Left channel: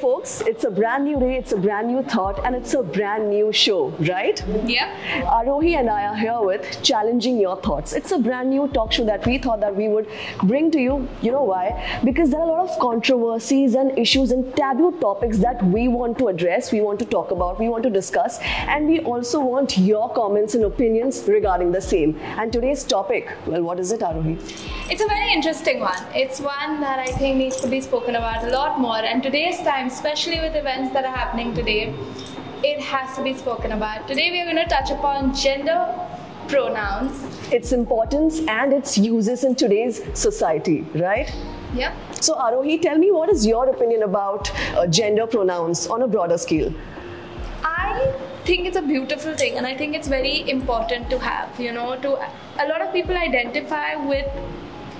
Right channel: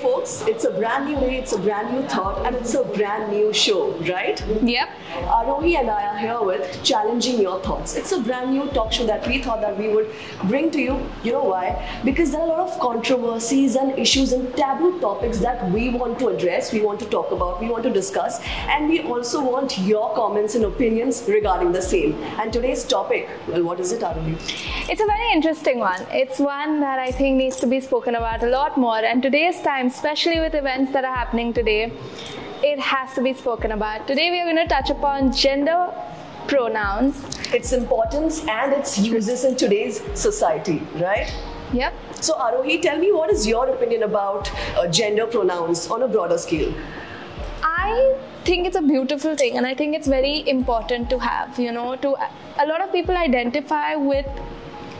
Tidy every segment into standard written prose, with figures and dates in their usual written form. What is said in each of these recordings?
folks, it's a brand new day, it's a brand new thought, and it's a brand new show, right? Yeah. Arohi and I are here with Challenging Your Thoughts. It's a brand new talk show that we thought that we would bring to you. You know why? Because there are a lot of controversies and issues and taboo topics that we want to address, we want to talk about, we want to discuss, and we also want your comments and opinions regarding the same. And today's topic, well, what is it, Arohi? It's a very interesting one. It's one that I think needs to be spoken about a lot more. And today's time, especially with events that are happening today, it has to be spoken about. Today we are going to touch upon gender pronouns. Its importance and its uses in today's society, right? Yep. So Arohi, tell me, what is your opinion about gender pronouns on a broader scale? I think it's a beautiful thing, and I think it's very important to have, a lot of people identify with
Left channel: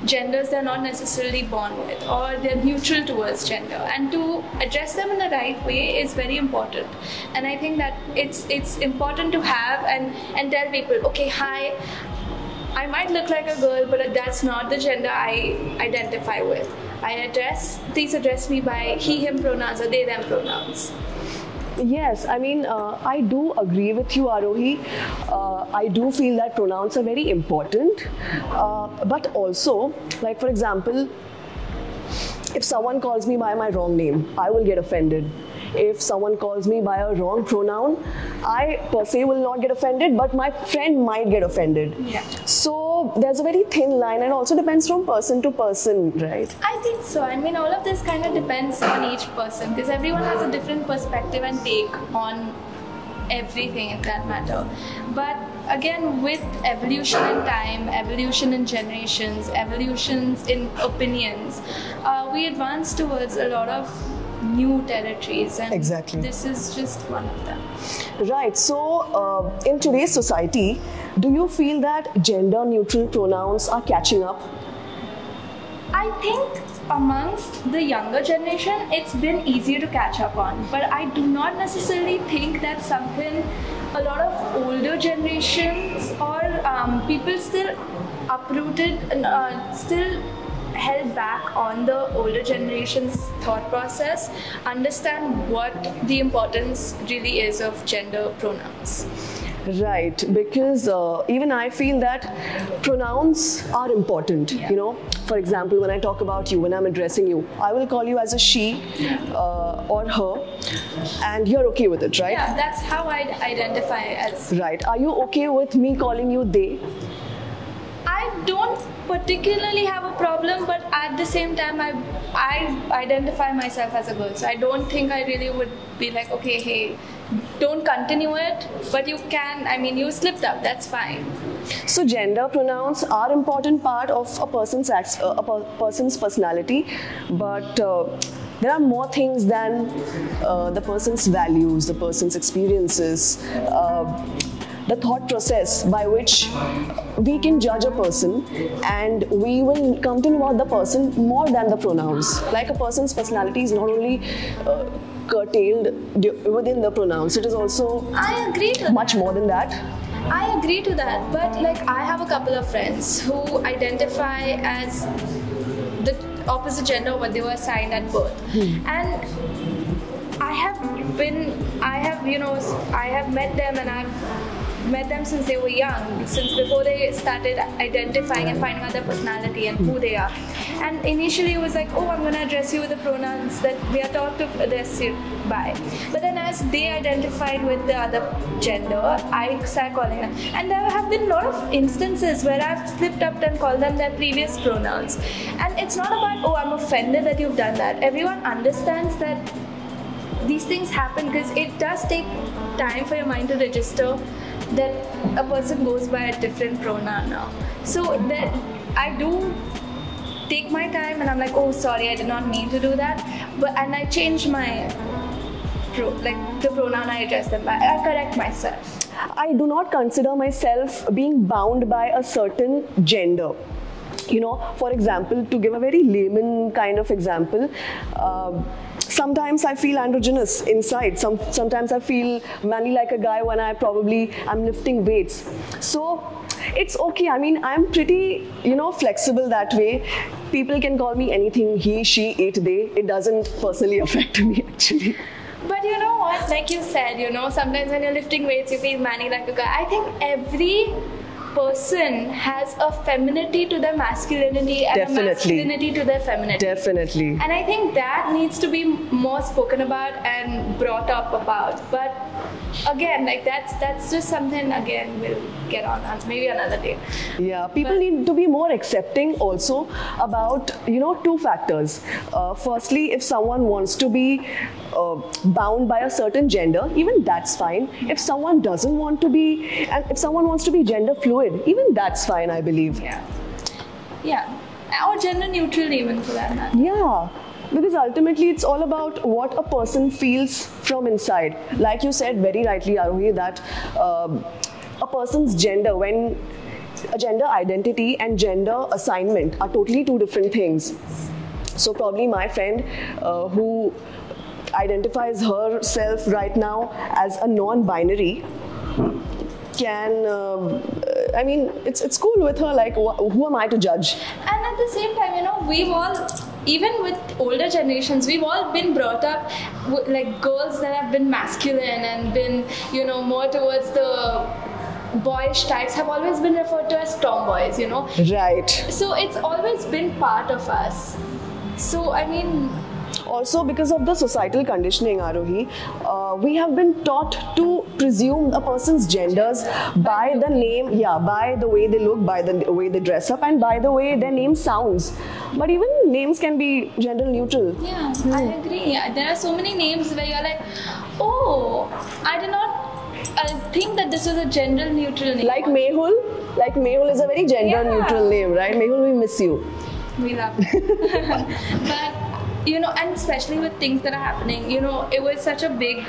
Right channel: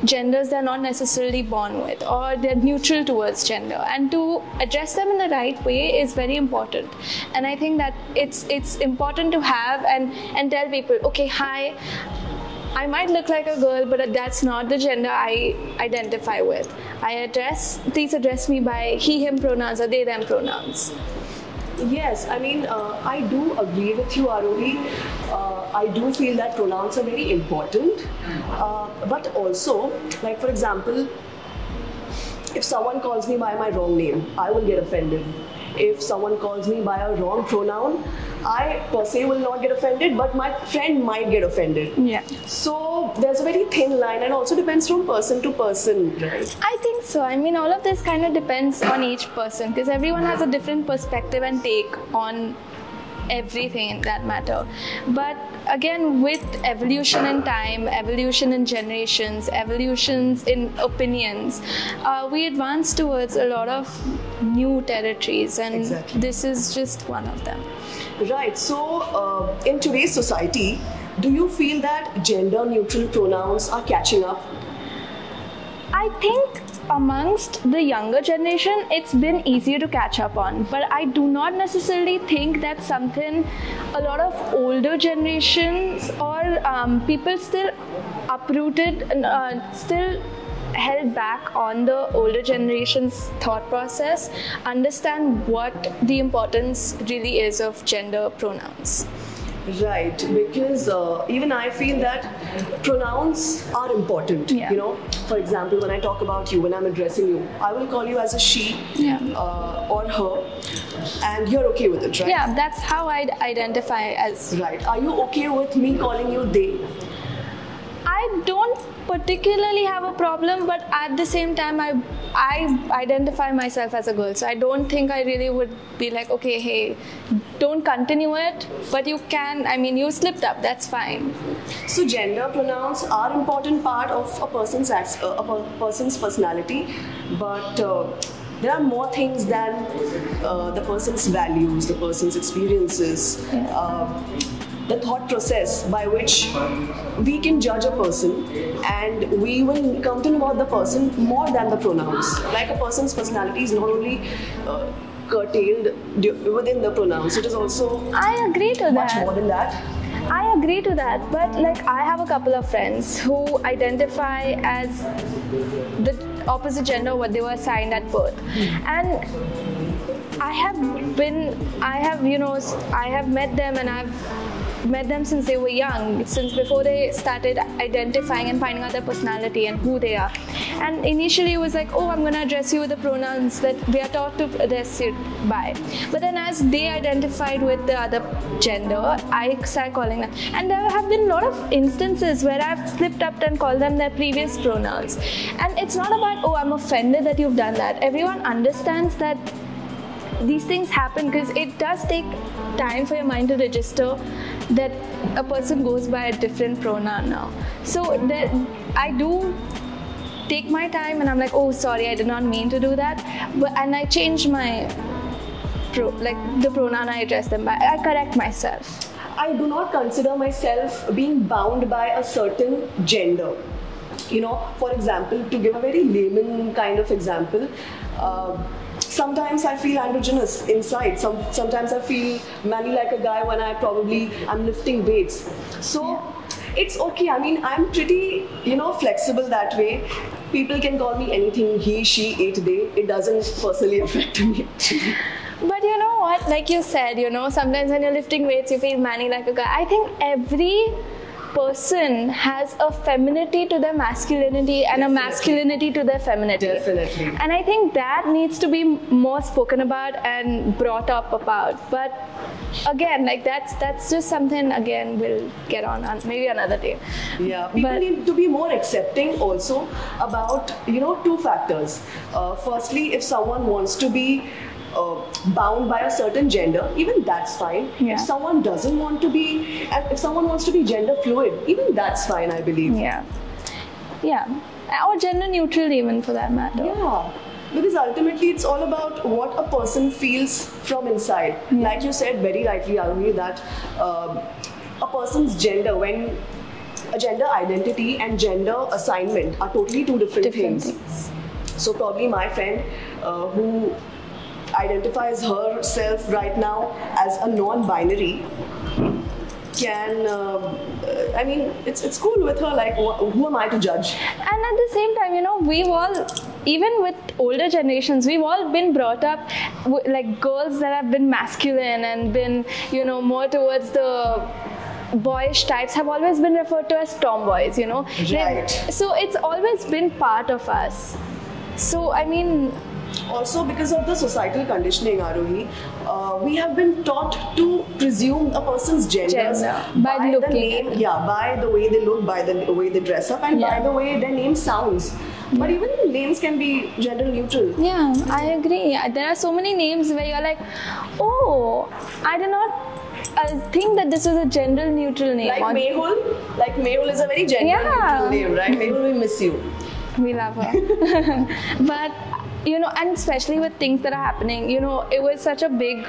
genders they're not necessarily born with, or they're neutral towards gender, and to address them in the right way is very important. And I think that it's important to have and tell people, okay, hi, I might look like a girl, but that's not the gender I identify with. Please address me by he, him pronouns or they, them pronouns. Yes, I mean, I do agree with you, Arohi. I do feel that pronouns are very important. But also, like for example, if someone calls me by my wrong name, I will get offended. If someone calls me by a wrong pronoun, I per se will not get offended, but my friend might get offended. Yeah. So there's a very thin line, and also depends from person to person, right? I think so. I mean, all of this kind of depends on each person, because everyone has a different perspective and take on everything in that matter. But again, with evolution in time, evolution in generations, evolutions in opinions, we advance towards a lot of new territories, and exactly. This is just one of them. Right. So, in today's society, do you feel that gender-neutral pronouns are catching up? I think amongst the younger generation, it's been easier to catch up on, but I do not necessarily think that's something a lot of older generations or people still uprooted, still held back on the older generation's thought process, understand what the importance really is of gender pronouns. Right, because even I feel that pronouns are important. Yeah. For example, when I talk about you, when I'm addressing you, I will call you as a she or her, and you're okay with it, right? Yeah, that's how I identify as. Right. Are you okay with me calling you they? I don't particularly have a problem, but at the same time, I identify myself as a girl, so I don't think I really would be like, okay, hey, don't continue it, but you can, you slipped up, that's fine. So gender pronouns are an important part of a person's personality, but there are more things than the person's values, the person's experiences, the thought process by which we can judge a person, and we will come to know the person more than the pronouns. Like a person's personality is not only curtailed within the pronouns, it is also I agree to much more than that. I agree to that, but I have a couple of friends who identify as the opposite gender what they were assigned at birth, and I have met them, and I've met them since they were young, since before they started identifying and finding out their personality and who they are. And initially it was like, oh, I'm going to address you with the pronouns that they are taught to address you by. But then as they identified with the other gender, I started calling them. And there have been a lot of instances where I've slipped up and called them their previous pronouns. And it's not about, oh, I'm offended that you've done that. Everyone understands that these things happen because it does take time for your mind to register that a person goes by a different pronoun now. So I do take my time, and I'm like, oh, sorry, I did not mean to do that. And I change my the pronoun I address them by. I correct myself. I do not consider myself being bound by a certain gender. For example, to give a very layman kind of example, sometimes I feel androgynous inside. Sometimes I feel manly like a guy when I'm lifting weights. So it's okay. I mean, I'm pretty, flexible that way. People can call me anything, he, she, it, they. It doesn't personally affect me actually. But you know what, like you said, sometimes when you're lifting weights, you feel manly like a guy. I think every person has a femininity to their masculinity and Definitely. a masculinity to their femininity. Definitely. And I think that needs to be more spoken about and brought up about. But again, like that's just something, again, we'll get on maybe another day. Yeah, people need to be more accepting also about, two factors. Firstly, if someone wants to be bound by a certain gender, even that's fine. Yeah. If someone doesn't want to be, if someone wants to be gender fluid, even that's fine, I believe. Yeah. Or gender neutral even, for that matter. Yeah. Because ultimately it's all about what a person feels from inside. Like you said very rightly, Arohi, that a person's gender, when a gender identity and gender assignment are totally two different things. So probably my friend who identifies herself right now as a non-binary can, I mean, it's cool with her, like, who am I to judge? And at the same time, we've all, even with older generations, we've all been brought up like girls that have been masculine and been, more towards the boyish types have always been referred to as tomboys, Right. So it's always been part of us. So, I mean, also because of the societal conditioning, Arohi, we have been taught to presume a person's genders by the name, by the way they look, by the way they dress up, and by the way their name sounds. But even names can be gender neutral. Yeah, I agree. There are so many names where you're like, oh, I did not think that this was a gender neutral name. Like Mehul. Like Mehul is a very gender neutral name, right? Mehul, we miss you. We love her. But and especially with things that are happening, it was such a big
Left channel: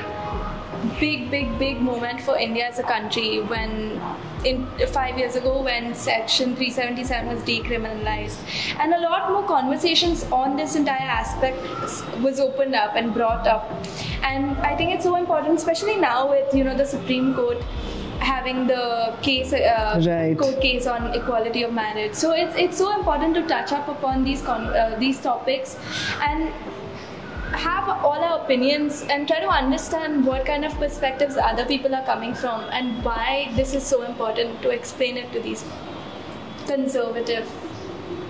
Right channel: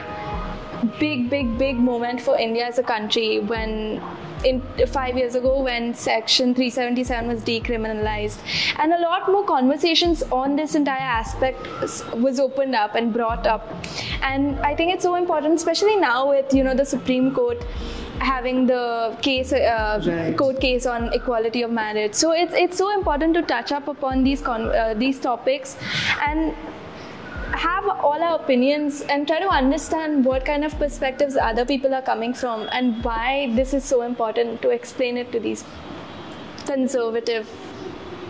moment for India as a country when 5 years ago when Section 377 was decriminalized, and a lot more conversations on this entire aspect was opened up and brought up. And I think it's so important, especially now with the Supreme Court having the case, court case on equality of marriage. So it's so important to touch up upon these topics and have all our opinions and try to understand what kind of perspectives other people are coming from and why this is so important, to explain it to these conservative,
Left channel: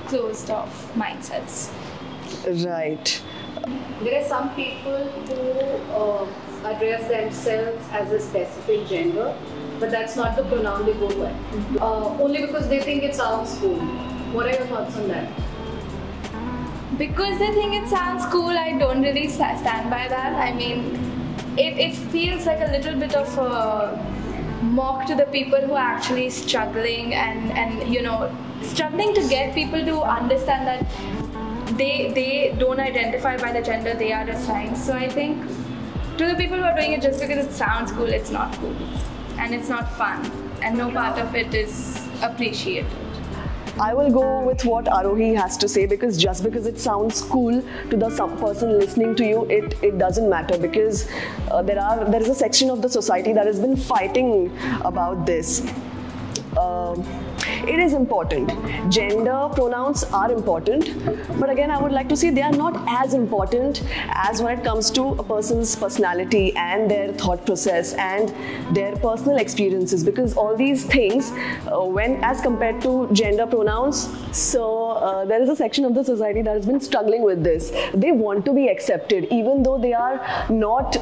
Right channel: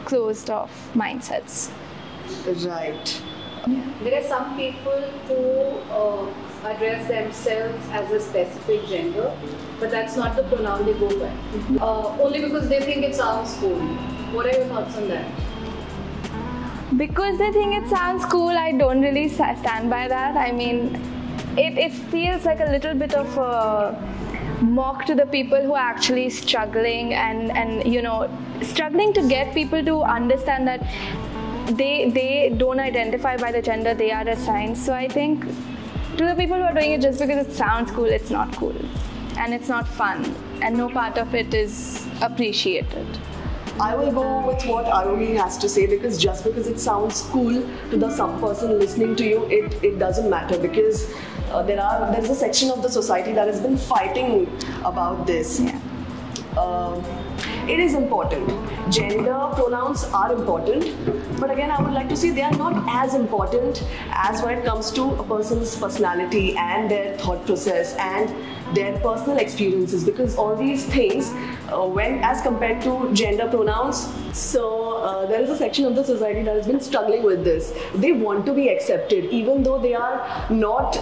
closed-off mindsets. Right. There are some people who address themselves as a specific gender, but that's not the pronoun they go by. Only because they think it sounds cool. What are your thoughts on that? Because they think it sounds cool, I don't really stand by that. I mean, it feels like a little bit of a mock to the people who are actually struggling and struggling to get people to understand that they don't identify by the gender they are assigned. So I think to the people who are doing it just because it sounds cool, it's not cool. And it's not fun. And no part of it is appreciated. I will go with what Arohi has to say, because just because it sounds cool to the some person listening to you, it doesn't matter, because there's a section of the society that has been fighting about this. It is important. Gender pronouns are important, but again, I would like to say they are not as important as when it comes to a person's personality and their thought process and their personal experiences, because all these things, when as compared to gender pronouns, so there is a section of the society that has been struggling with this. They want to be accepted, even though they are not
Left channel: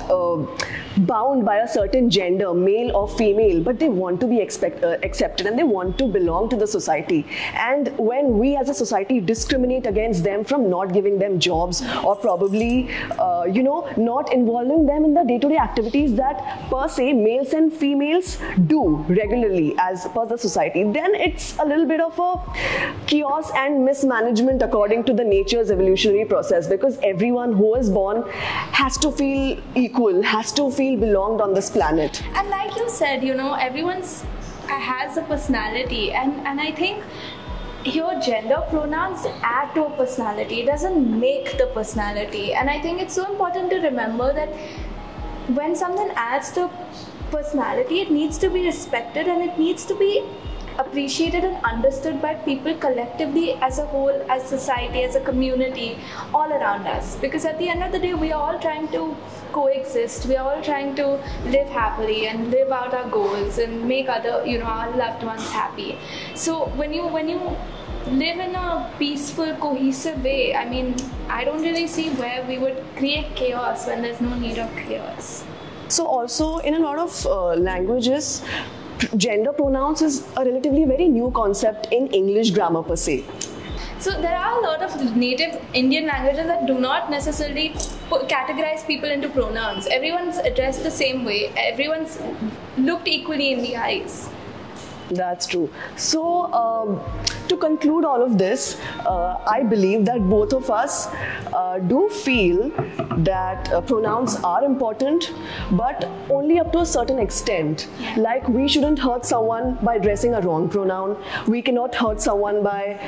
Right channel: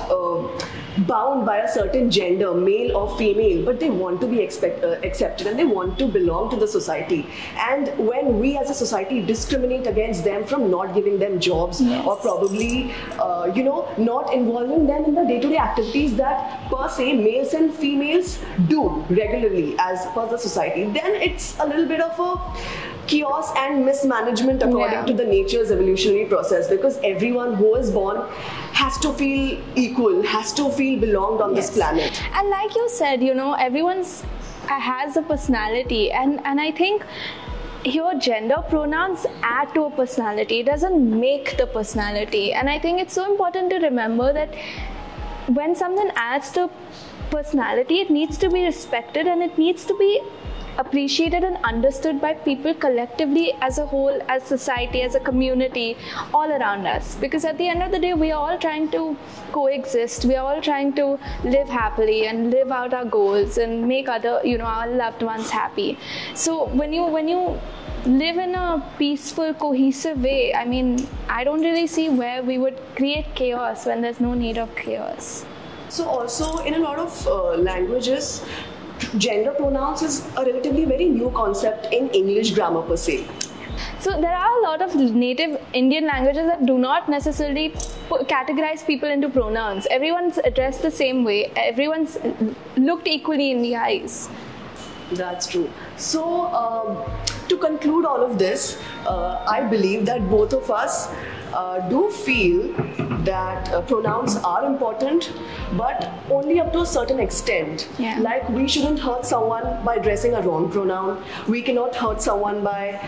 bound by a certain gender, male or female, but they want to be accepted and they want to belong to the society. And when we as a society discriminate against them from not giving them jobs or probably not involving them in the day-to-day activities that per se males and females do regularly as per the society, then it's a little bit of a chaos and mismanagement according to the nature's evolutionary process, because everyone who is born has to feel equal, has to feel belonged on this planet. And like you said, everyone's has a personality, and I think your gender pronouns add to a personality. It doesn't make the personality. And I think it's so important to remember that when something adds to personality, it needs to be respected and it needs to be appreciated and understood by people collectively as a whole, as society, as a community, all around us. Because at the end of the day, we are all trying to coexist. We are all trying to live happily and live out our goals and make other, our loved ones happy. So when you live in a peaceful, cohesive way, I mean, I don't really see where we would create chaos when there's no need of chaos. So also in a lot of languages, gender pronouns is a relatively very new concept in English grammar per se. So there are a lot of native Indian languages that do not necessarily categorize people into pronouns. Everyone's addressed the same way. Everyone's looked equally in the eyes. That's true. So, to conclude all of this, I believe that both of us do feel that pronouns are important, but only up to a certain extent. Yeah. Like, we shouldn't hurt someone by addressing a wrong pronoun. We cannot hurt someone by,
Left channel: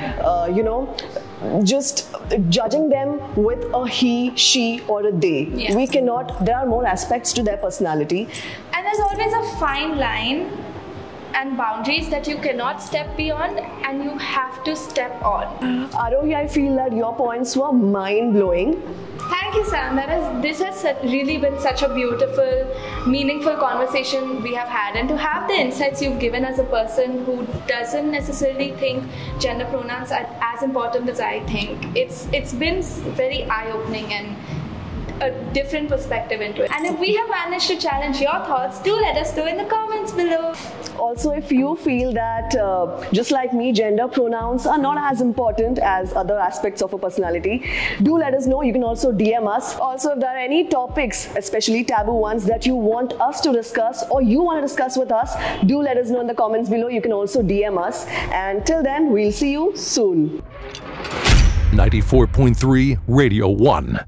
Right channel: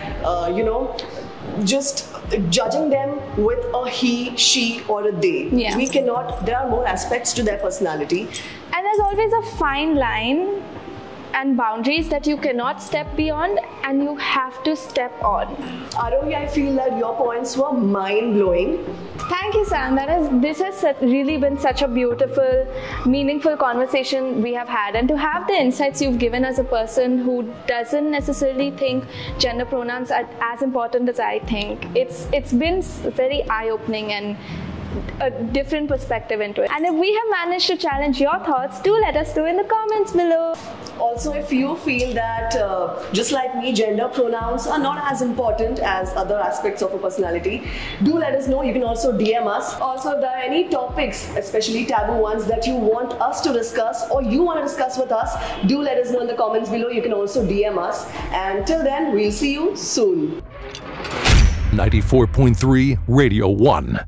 just judging them with a he, she, or a they. Yeah. We cannot. There are more aspects to their personality. And there's always a fine line and boundaries that you cannot step beyond, and you have to step on. Arohi, I feel that your points were mind-blowing. Thank you, Sam. This has really been such a beautiful, meaningful conversation we have had, and to have the insights you've given as a person who doesn't necessarily think gender pronouns are as important as I think. It's been very eye-opening and a different perspective into it. And if we have managed to challenge your thoughts, do let us know in the comments below. Also, if you feel that, just like me, gender pronouns are not as important as other aspects of a personality, do let us know. You can also DM us. Also, if there are any topics, especially taboo ones, that you want us to discuss or you want to discuss with us, do let us know in the comments below. You can also DM us. And till then, we'll see you soon. 94.3 Radio 1.